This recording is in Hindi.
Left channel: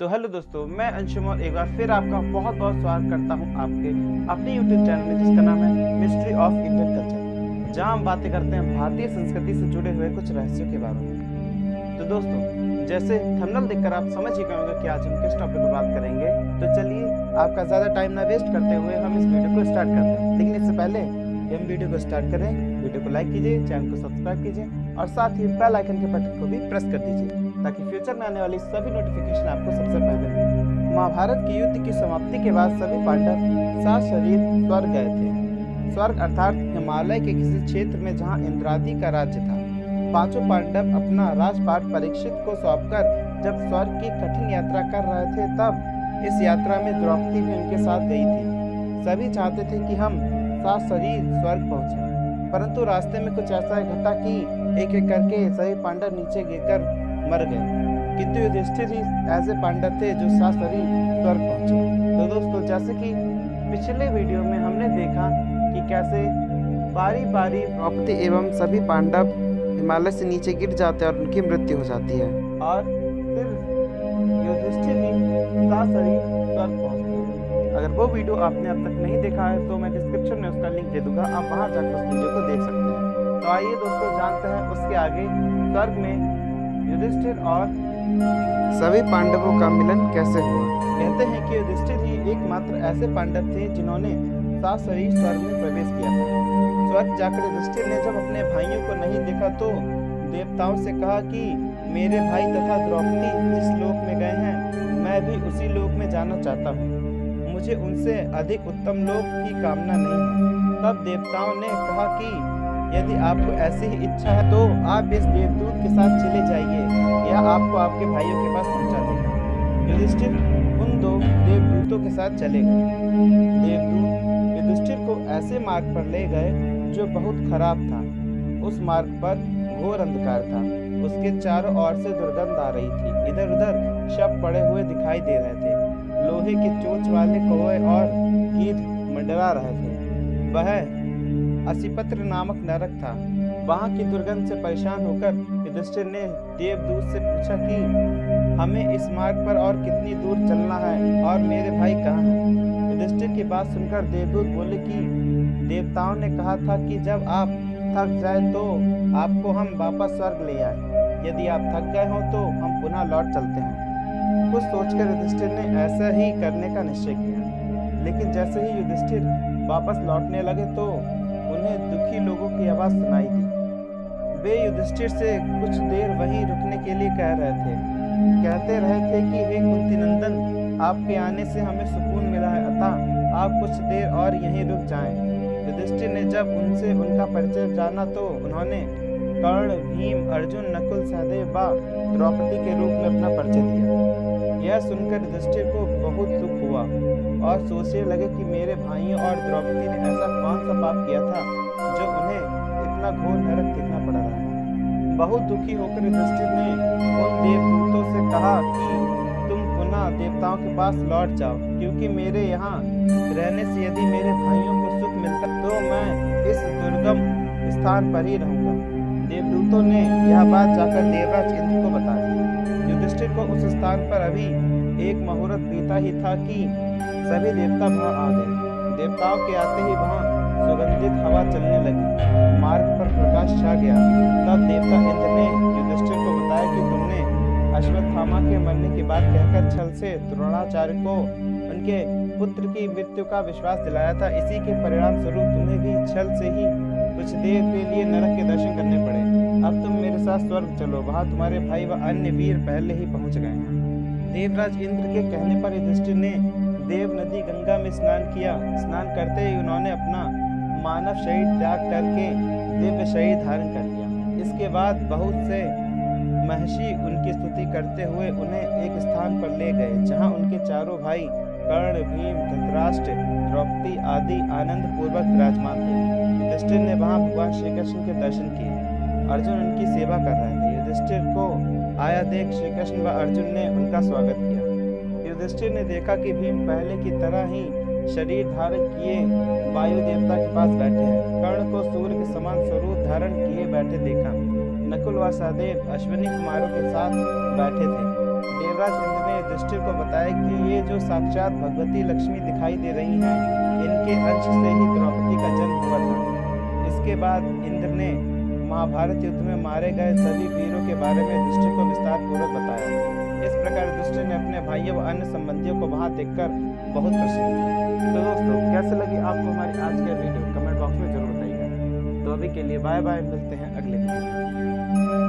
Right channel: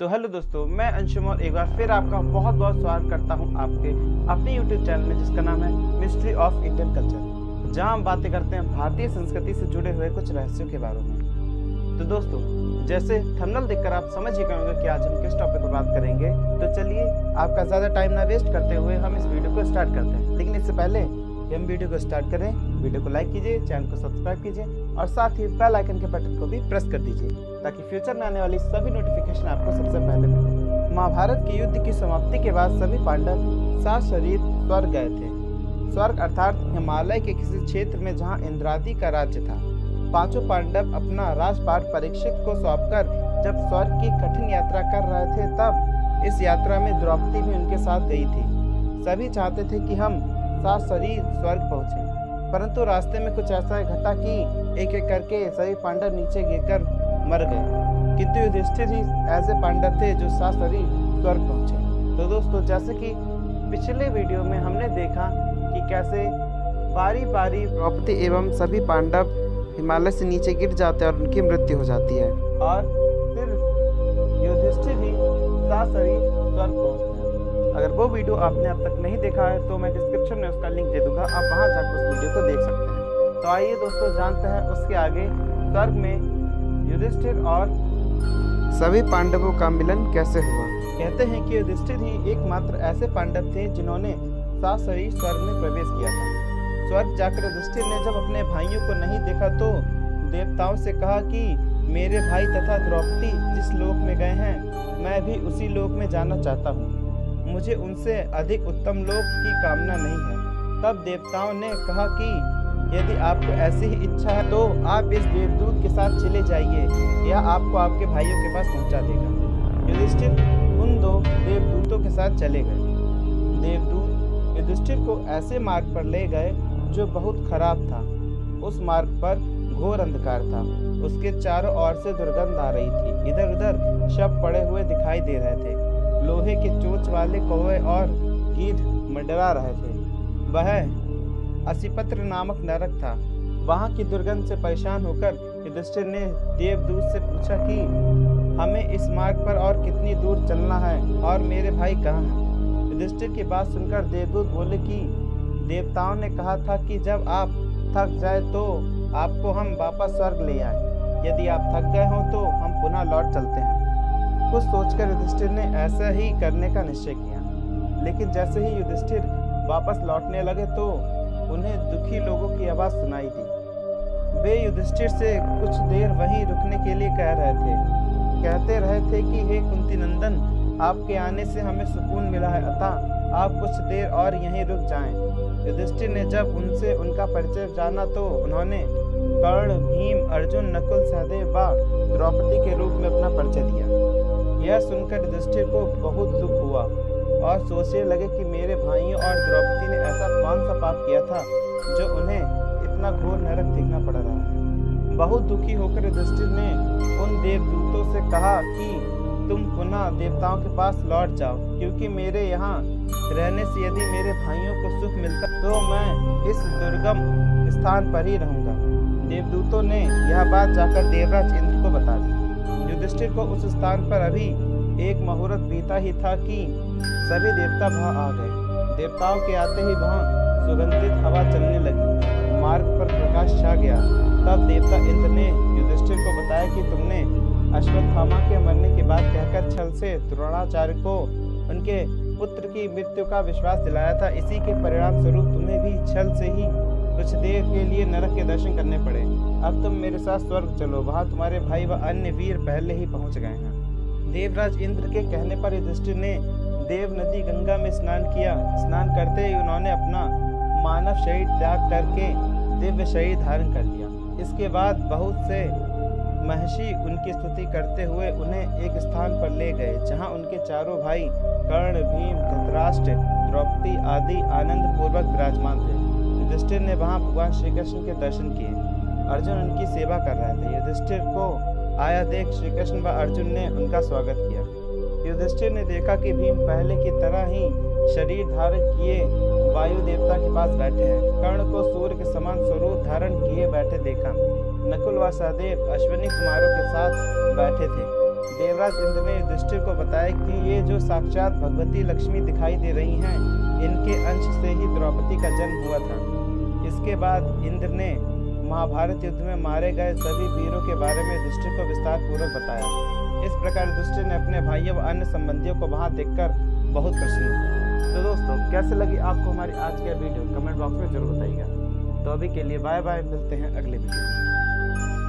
तो हेलो दोस्तों, मैं अंशुम और एक बार फिर आपका बहुत बहुत स्वागत करता हूं आपके अपने यूट्यूब चैनल में जिसका नाम है मिस्ट्री ऑफ इंडियन कल्चर, जहां हम बातें करते हैं भारतीय संस्कृति से जुड़े हुए कुछ रहस्यों के बारे में। तो दोस्तों, जैसे थंबनेल देखकर आप समझ ही गए होंगे कि आज हम किस टॉपिक पर बात करेंगे। तो चलिए, आपका ज़्यादा टाइम ना वेस्ट करते हुए हम इस वीडियो को स्टार्ट करते हैं। लेकिन इससे पहले कि हम वीडियो को स्टार्ट करें, वीडियो को लाइक कीजिए, चैनल को सब्सक्राइब कीजिए और साथ ही बेल आइकन के बटन को भी प्रेस कर दीजिए ताकि फ्यूचर में आने वाली सभी नोटिफिकेशन आपको सबसे पहले मिले। महाभारत के युद्ध की समाप्ति के बाद सभी पांडव सात शरीर स्वर्ग गए थे। स्वर्ग अर्थात हिमालय के किसी क्षेत्र में जहां इंद्रादि का राज्य था। पांचों पांडव अपना राजपाट परीक्षित को सौंपकर जब स्वर्ग की कठिन यात्रा कर रहे थे, तब इस यात्रा में द्रौपदी भी उनके साथ गई थी। सभी चाहते थे कि हम सात शरीर स्वर्ग पहुंचे, परंतु रास्ते में कुछ ऐसा घटा कि एक एक करके सभी पांडव नीचे गिरकर मर गए, किंतु युधिष्ठिर ही ऐसे पांडव थे जो सात शरीर स्वर्ग पहुंचे। तो दोस्तों, जैसे कि पिछले वीडियो में हमने देखा कि कैसे बारी बारी द्रौपदी एवं सभी पांडव हिमालय से नीचे गिर जाते हैं और उनकी मृत्यु हो जाती है और फिर युधिष्ठिर ही सात शरीर स्वर्ग पहुंचते हैं। अगर वो वीडियो आपने अब तक नहीं देखा है तो मैं डिस्क्रिप्शन में उसका लिंक दे दूंगा, आप वहां जाकर उस वीडियो को देख सकते हैं। तो आइए दोस्तों, जानते हैं उसके आगे स्वर्ग में युधिष्ठिर और सभी पांडवों का मिलन कैसे हुआ। कहते हैं कि युधिष्ठिर ही एकमात्र ऐसे पांडव थे जिन्होंने सात शरीर स्वर्ग में प्रवेश किया था। स्वर्ग जाकर युधिष्ठिर ने जब अपने भाइयों को नहीं देखा तो देवताओं से कहा कि मेरे भाई तथा द्रौपदी जिस लोक में गए हैं, मैं भी उसी लोक में जाना चाहता हूँ। मुझे उनसे अधिक उत्तम लोक की कामना नहीं है। तब देवताओं ने कहा कि यदि आपको ऐसी ही इच्छा है तो आप इस देवदूत के साथ चले जाइए, या आपको आपके भाइयों के पास पहुंचा देगा। युधिष्ठिर उन दो देवदूतों के साथ चले गए। देवदूत युधिष्ठिर को ऐसे मार्ग पर ले गए जो बहुत खराब था। उस मार्ग पर घोर अंधकार था, उसके चारों ओर से दुर्गंध आ रही थी। इधर उधर शव पड़े हुए दिखाई दे रहे थे। लोहे के चोंच वाले कौवे और गीध मंडरा रहे थे। वह असिपत्र नामक नरक था। वहां की दुर्गंध से परेशान होकर युधिष्ठिर ने देवदूत से पूछा कि हमें इस मार्ग पर और कितनी दूर चलना है और मेरे भाई कहाँ हैं। युधिष्ठिर की बात सुनकर देवदूत बोले कि देवताओं ने कहा था कि जब आप थक जाए तो आपको हम वापस स्वर्ग ले आए। यदि आप थक गए हो तो हम पुनः लौट चलते हैं। कुछ सोचकर युधिष्ठिर ने ऐसा ही करने का निश्चय किया। लेकिन जैसे ही युधिष्ठिर वापस लौटने लगे तो उन्हें दुखी लोगों की आवाज सुनाई दी। वे युधिष्ठिर से कुछ देर वहीं रुकने के लिए कह रहे थे। कहते रहे थे कि हे कुंती नंदन, आपके आने से हमें सुकून मिला है, अतः आप कुछ देर और यहीं रुक जाएं। युधिष्ठिर ने जब उनसे उनका परिचय जाना तो उन्होंने कर्ण, भीम, अर्जुन, नकुल, सहदेव व द्रौपदी के रूप में अपना परिचय दिया। यह सुनकर युधिष्ठिर को बहुत दुख हुआ और सोचने लगे कि मेरे भाइयों और द्रौपदी ने ऐसा कौन सा पाप किया था जो उन्हें इतना घोर नरक देखना पड़ रहा है। बहुत दुखी होकर युधिष्ठिर ने उन देवदूतों से कहा कि तुम पुनः देवताओं के पास लौट जाओ, क्योंकि मेरे यहाँ रहने से यदि मेरे भाइयों को सुख मिलता तो मैं इस दुर्गम स्थान पर ही रहूंगा। देवदूतों ने यह बात जाकर देवराज इंद्र को बता दी। युधिष्ठिर को उस स्थान पर अभी एक मुहूर्त बीता ही था कि सभी देवता वहां आ गए। देवताओं के आते ही वहां सुगंधित हवा चलने लगी, मार्ग पर प्रकाश छा गया। तब देवता इंद्र ने युधिष्ठिर को बताया कि तुमने अश्वत्थामा के मरने की बात कहकर छल से द्रोणाचार्य को उनके पुत्र की मृत्यु का विश्वास दिलाया था। इसी के परिणाम स्वरूप तुम्हें भी छल से ही कुछ देर के लिए नरक के दर्शन करने पड़े। अब तुम मेरे साथ स्वर्ग चलो, वहां तुम्हारे भाई व अन्य वीर पहले ही पहुंच गए हैं। देवराज इंद्र के कहने पर युधिष्ठिर ने देव नदी गंगा में स्नान किया। स्नान करते ही उन्होंने अपना मानव शरीर त्याग करके दिव्य शरीर धारण कर लिया। इसके बाद बहुत से महर्षि उनकी स्तुति करते हुए उन्हें एक स्थान पर ले गए जहां उनके चारों भाई कर्ण, भीम, धृतराष्ट्र, द्रौपदी आदि आनंद पूर्वक विराजमान थे। युधिष्ठिर ने वहां भगवान श्री कृष्ण के दर्शन किए। अर्जुन उनकी सेवा कर रहे थे। युधिष्ठिर को आया देख श्री कृष्ण व अर्जुन ने उनका स्वागत किया। युधिष्ठिर ने देखा कि भीम पहले की तरह ही शरीर धारण किए वायु देवता के पास बैठे हैं। कर्ण को सूर्य के समान स्वरूप धारण किए बैठे देखा। नकुल व सहदेव अश्विनी कुमारों के साथ बैठे थे। देवराज इंद्र ने युधिष्ठिर को बताया कि ये जो साक्षात भगवती लक्ष्मी दिखाई दे रही हैं, इनके अंश से ही द्रौपदी का जन्म हुआ था। इसके बाद इंद्र ने महाभारत युद्ध में मारे गए सभी वीरों के बारे में युधिष्ठिर को विस्तार पूर्वक बताया। इस प्रकार युधिष्ठिर ने अपने भाइयों व अन्य संबंधियों को वहां देखकर बहुत प्रसन्न हुए। तो दोस्तों, कैसे लगी आपको हमारी आज की वीडियो, कमेंट बॉक्स में जरूर बताइएगा। तो अभी के लिए बाय बाय, मिलते हैं अगले वीडियो में।